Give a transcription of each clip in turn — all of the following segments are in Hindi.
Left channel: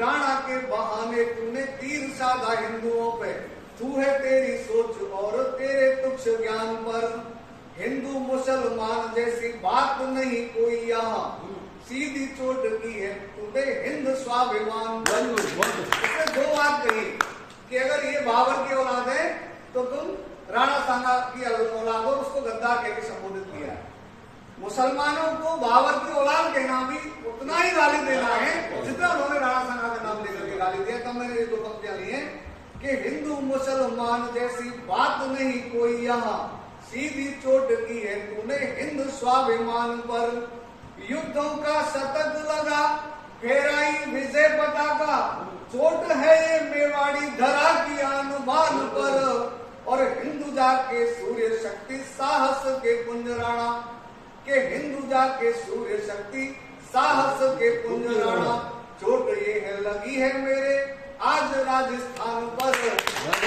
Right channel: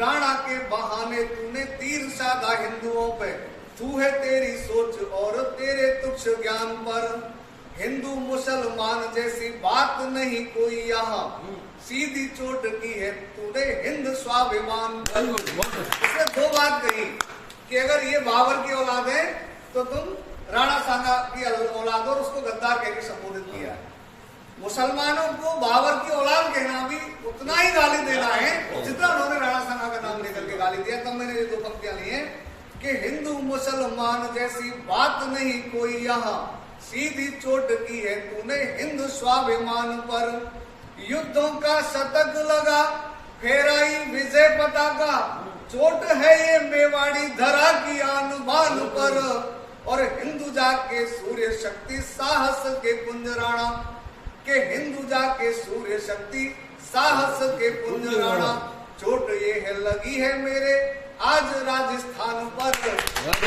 राणा के बहाने तूने तीर साधा हिंदुओं पे, तू है तेरी सोच और तेरे तुच्छ ज्ञान पर। हिंदू मुसलमान जैसी बात नहीं कोई यहाँ, सीधी चोट की है तूने हिंद स्वाभिमान पर। उसने दो बात कही कि अगर ये बाबर की औलाद है तो तुम राणा सांगा की औलाद, और उसको गद्दार कह के संबोधित किया है। मुसलमानों को बाबर की औलाद कहना भी उतना ही गाली देना है जितना उन्होंने राणा सांगा का नाम लेकर के गाली दिया। तब मैंने ये दो पंक्तियां ली हैं कि हिंदू मुसलमान जैसी बात नहीं कोई यहाँ, सीधी चोट की है तूने हिंद स्वाभिमान पर। युद्धों का शतक लगा फेराई विजय पताका, चोट है ये मेवाड़ी धरा की आन बान पर। और हिंदू जाके सूर्य शक्ति साहस के कुंज राणा, के हिंदू जाके सूर्य शक्ति साहस के कुंज राणा। चोट ये है लगी है मेरे आज राजस्थान पर, आज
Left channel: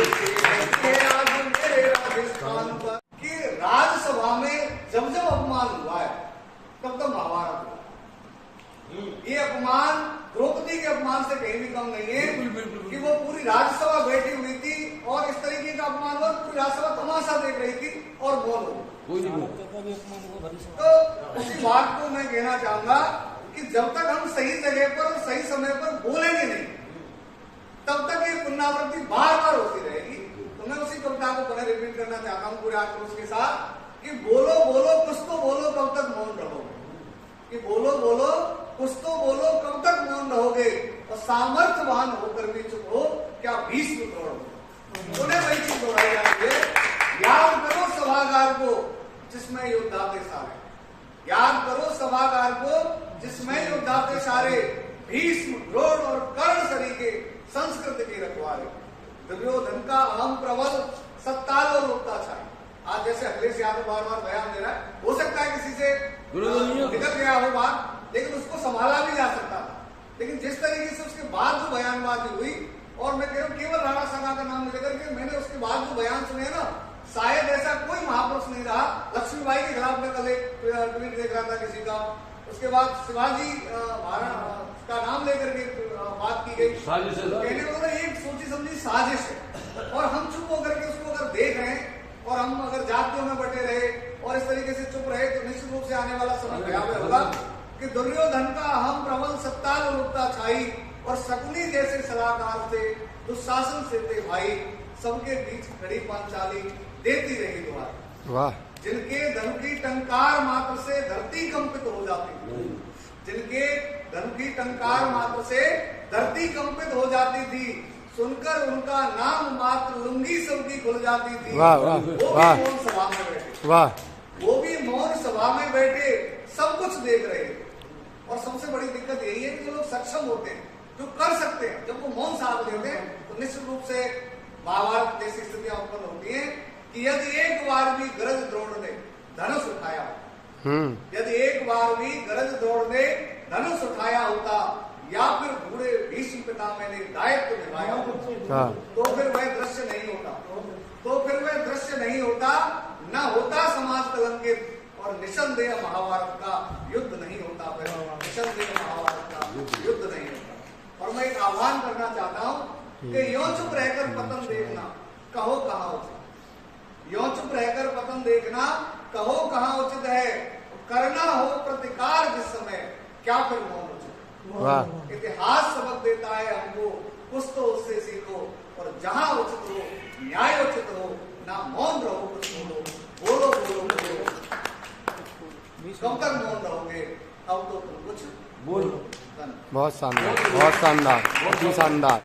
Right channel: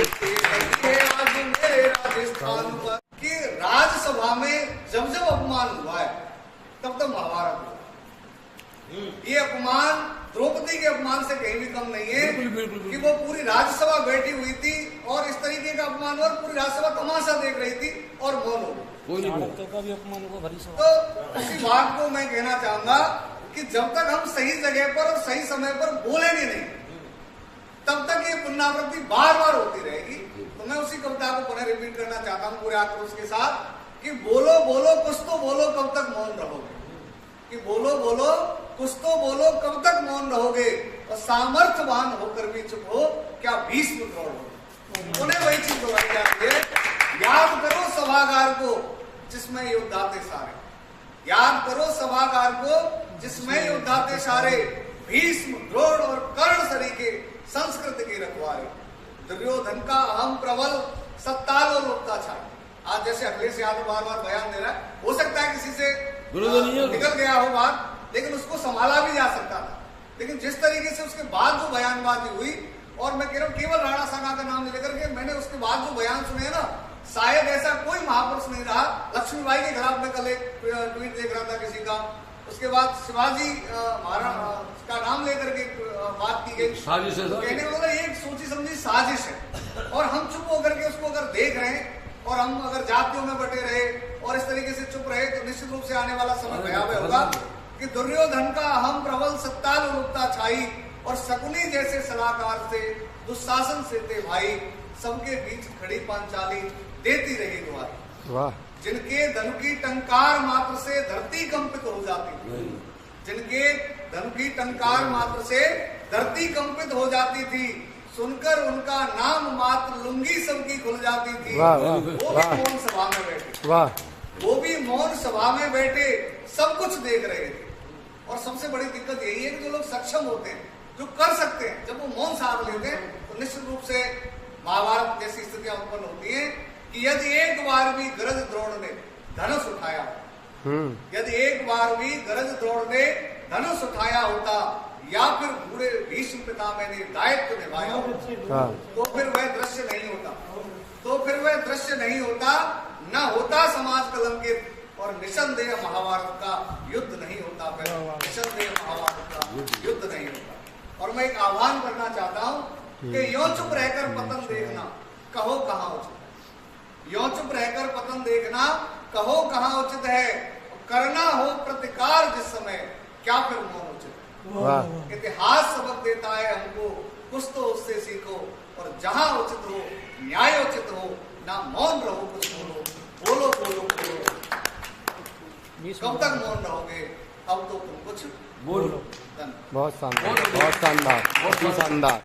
मेरे राजस्थान पर। कि राज्यसभा में जब जब अपमान हुआ है तब तब महाभारत हुआ। ये अपमान द्रौपदी के अपमान से कहीं भी कम नहीं है कि वो पूरी राज्यसभा बैठी हुई थी और इस तरीके का अपमान हुआ, पूरी राज्यसभा तमाशा देख रही थी और मौन हो गई। तो उसी बात को मैं कहना चाहूंगा कि जब तक हम सही जगह पर और सही समय पर बोलेंगे नहीं, तब तक ये पुनरावृत्ति बार बार होती रहेगी। तो मैं उसी कविता को पुनः रिपीट करना चाहता हूँ पूरे आक्रोश के साथ कि बोलो बोलो कुछ तो बोलो कब तक मौन रहोगे, कि बोलो बोलो कुछ तो बोलो कब तक मौन रहोगे, और सामर्थ्यवान होकर भी चुप हो क्या भीष्म द्रोण हो। उन्हें वही चीज दोहराई जाती है, याद करो सभागार को जिसमें योद्धाते सारे, याद करो सभागार को जिसमें योद्धाते सारे। भीष्म द्रोण और कर्ण सरीखे संस्कृत के रखवारे, दुर्योधन का अहम प्रबल सत्तालो लोकता छाई। आज जैसे अखिलेश यादव बार बार बयान दे रहा है, हो सकता है किसी से निकल गया हो बात, लेकिन उसको संभाला भी जा सकता था। लेकिन जिस तरीके से उसके बाद जो बयानबाजी हुई, और मैं कह रहा हूँ केवल राणा सांगा का नाम लेकर के, मैंने उसके बाद जो बयान सुने ना, शायद ऐसा कोई महापुरुष नहीं रहा। लक्ष्मीबाई के खिलाफ में कल एक ट्वीट देख रहा था किसी का, उसके बाद शिवाजी महाराज का नाम लेकर के बात की गई, कहने वाला एक सोची समझी साजिश है। और हम चुप होकर के उसको अगर देख रहे हैं और हम अगर जातियों में बटे रहे और इस तरीके से चुप रहे तो निश्चित रूप से आने वाला समय भयावह होगा कि दुर्योधन का अहम प्रबल सत्तारूपता छाई, और शकुनी जैसे सलाहकार से दुशासन से थे भाई, सबके बीच खड़ी पांचाली देती रही दुआ। जिनके धनु की टंकार मात्र से धरती कंपित हो जाती, जिनके धनु की टंकार मात्र से धरती कंपित हो जाती थी, सुनकर उनका नाम मात्र लुंगी सबकी खुल जाती थी। वो भी मौन सभा में बैठे, वो भी मौन सभा में बैठे सब कुछ देख रहे थे। और सबसे बड़ी दिक्कत यही है कि जो लोग सक्षम होते हैं, जो कर सकते हैं, जब वो मौन साध लेते हैं तो निश्चित रूप से महाभारत जैसी स्थितियां उत्पन्न होती हैं कि यदि एक बार भी गरज द्रोण ने धनुष उठाया, यदि एक बार भी गरज द्रोण ने धनुष उठाया होता, या फिर बूढ़े भीष्म पितामह ने दायित्व निभाया होता, तो फिर वह दृश्य नहीं होता, तो फिर वह दृश्य नहीं होता, न होता समाज कलंकित, और निसंदेह महाभारत का युद्ध नहीं होता, फिर निसंदेह महाभारत का युद्ध नहीं होता। और मैं एक आह्वान करना चाहता हूं कि यो चुप रहकर पतन देखना कहो कहाँ उचित, यो चुप रहकर पतन देखना कहो कहाँ उचित है, करना हो प्रतिकार जिस समय क्या फिर मौन उचित। इतिहास सबक देता है हमको, कुछ तो उससे सीखो, और जहां उचित हो न्याय उचित हो, ना मौन रहो कुछ बोलो, बोलो बोलो बोलो। कब तक मौन रहोगे, अब तो तुम कुछ बोलो। बहुत शानदार, बहुत शानदार, अति शानदार।